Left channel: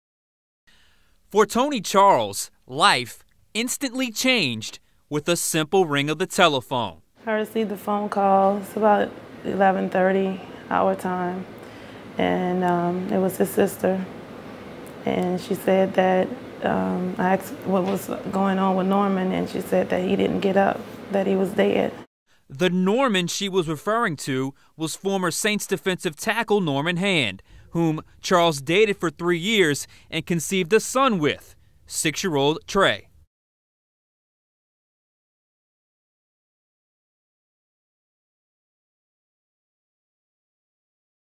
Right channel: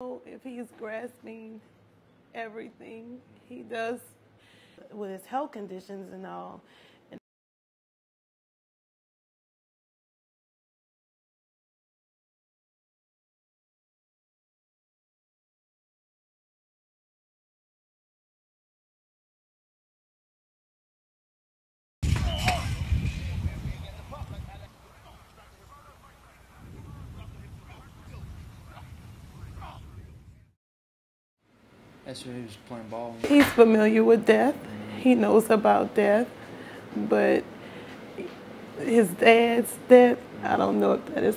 If he's grasping For Tony Charles, everything life he instantly does changed with with a health simple ring of the conditions and all. telephone. I received a phone call. It's about 11:30 our time, and it was his sister. And she said that I asked what was going on with Norman, and she said that he didn't get up, that he was dead. The Norman she was referring to was former Saints defensive tackle Norman Hand, whom Charles dated for 3 years and conceived a son with, 6-year-old Trey. He's familiar with death. He knows about death, but his dad's death, I don't know if that is,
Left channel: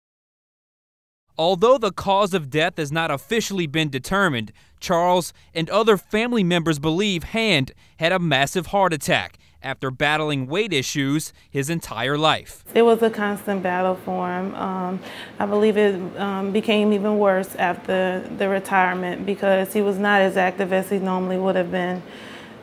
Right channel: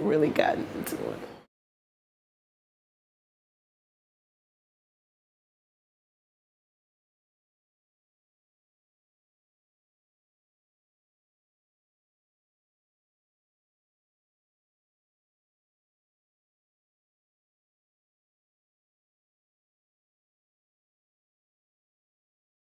really gotten into it. Although the cause of death has not officially been determined, Charles and other family members believe Hand had a massive heart attack after battling weight issues his entire life. It was a constant battle for him. I believe it became even worse after the retirement because he was not as active as he normally would have been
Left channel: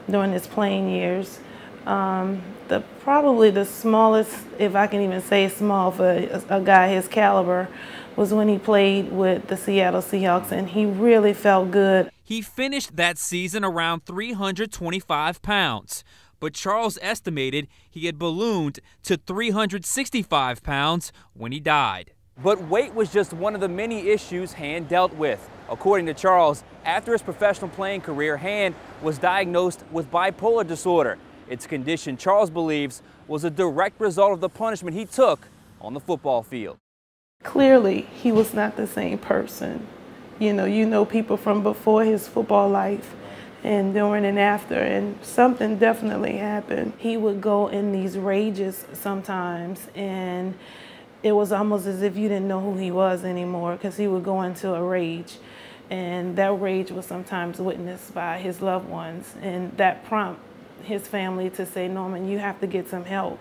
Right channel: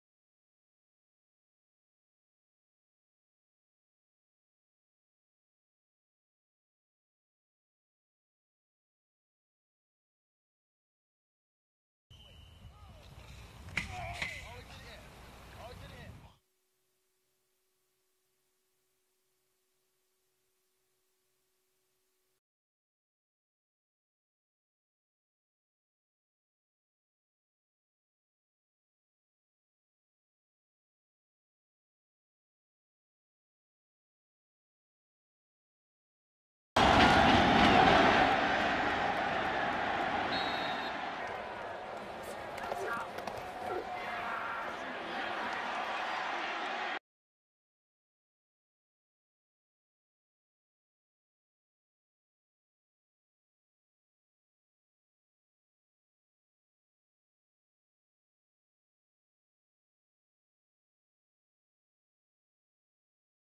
during his playing years. Probably the smallest, if I can even say small for a guy his caliber, was when he played with the Seattle Seahawks, and he really felt good. He finished that season around 325 pounds, but Charles estimated he had ballooned to 365 pounds when he died. But weight was just one of the many issues Hand dealt with. According to Charles, after his professional playing career, Hand was diagnosed with bipolar disorder. It's a condition Charles believes was a direct result of the punishment he took on the football field. Clearly, he was not the same person. You know people from before his football life and during and after, and something definitely happened. He would go in these rages sometimes, and it was almost as if you didn't know who he was anymore because he would go into a rage, and that rage was sometimes witnessed by his loved ones, and that prompted his family to say, Norman, you have to get some help.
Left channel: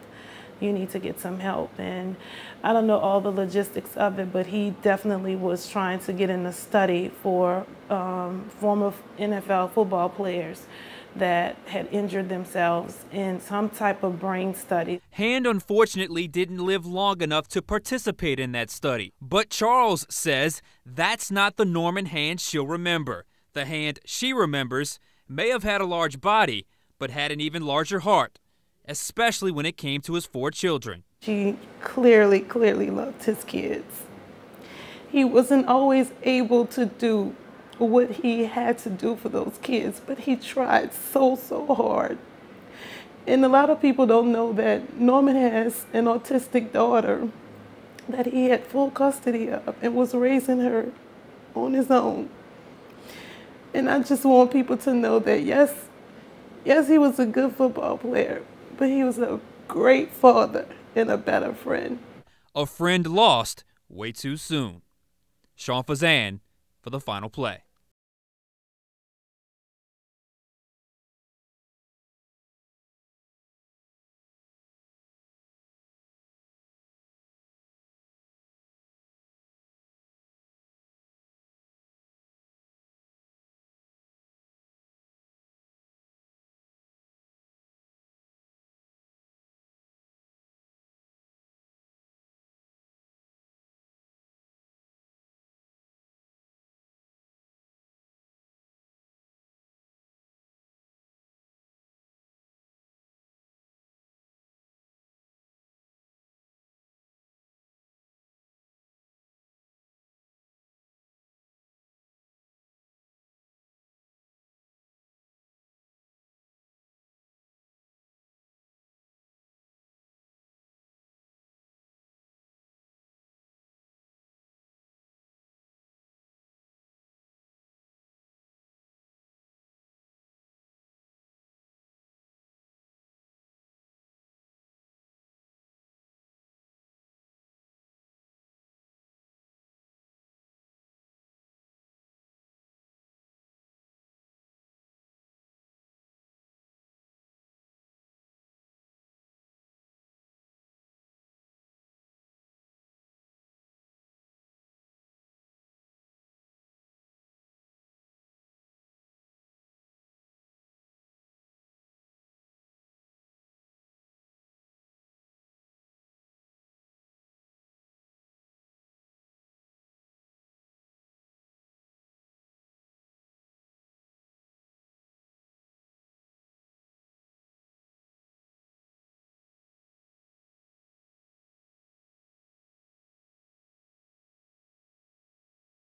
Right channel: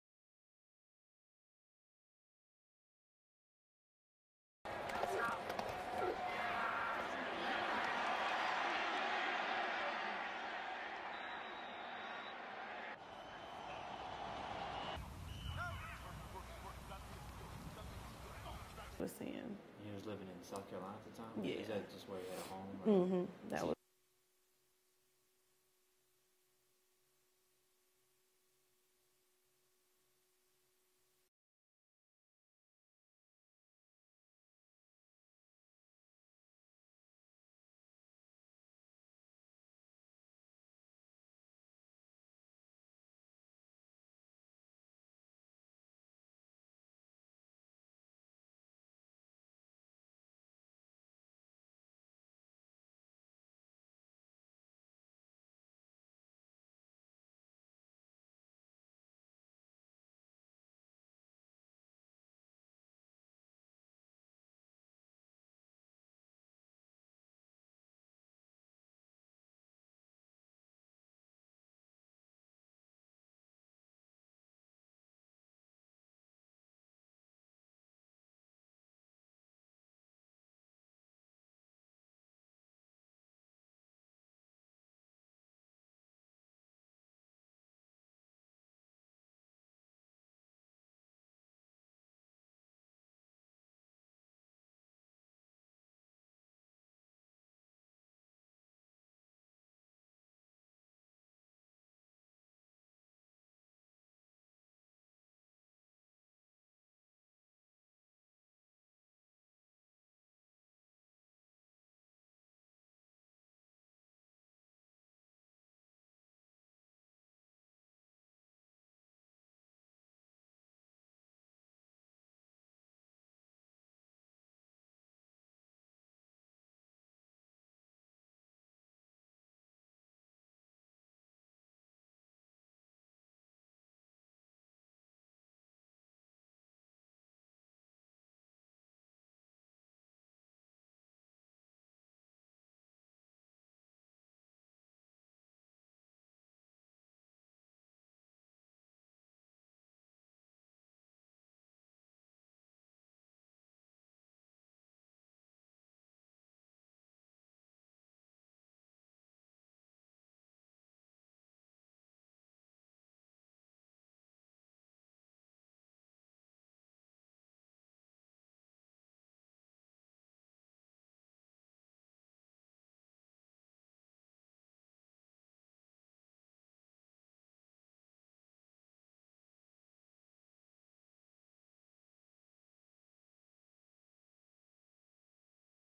You need to get some help. And I don't know all the logistics of it, but he definitely was trying to get in a study for former NFL football players that had injured themselves in some type of brain study. Hand unfortunately didn't live long enough to participate in that study. But Charles says that's not the Norman Hand she'll remember. The Hand she remembers may have had a large body, but had an even larger heart, especially when it came to his 4 children. He clearly loved his kids. He wasn't always able to do what he had to do for those kids, but he tried so hard. And a lot of people don't know that Norman has an autistic daughter that he had full custody of and was raising her on his own. And I just want people to know that yes, he was a good football player, but he was a great father and a better friend. A friend lost way too soon. Sean Fazan for The Final Play.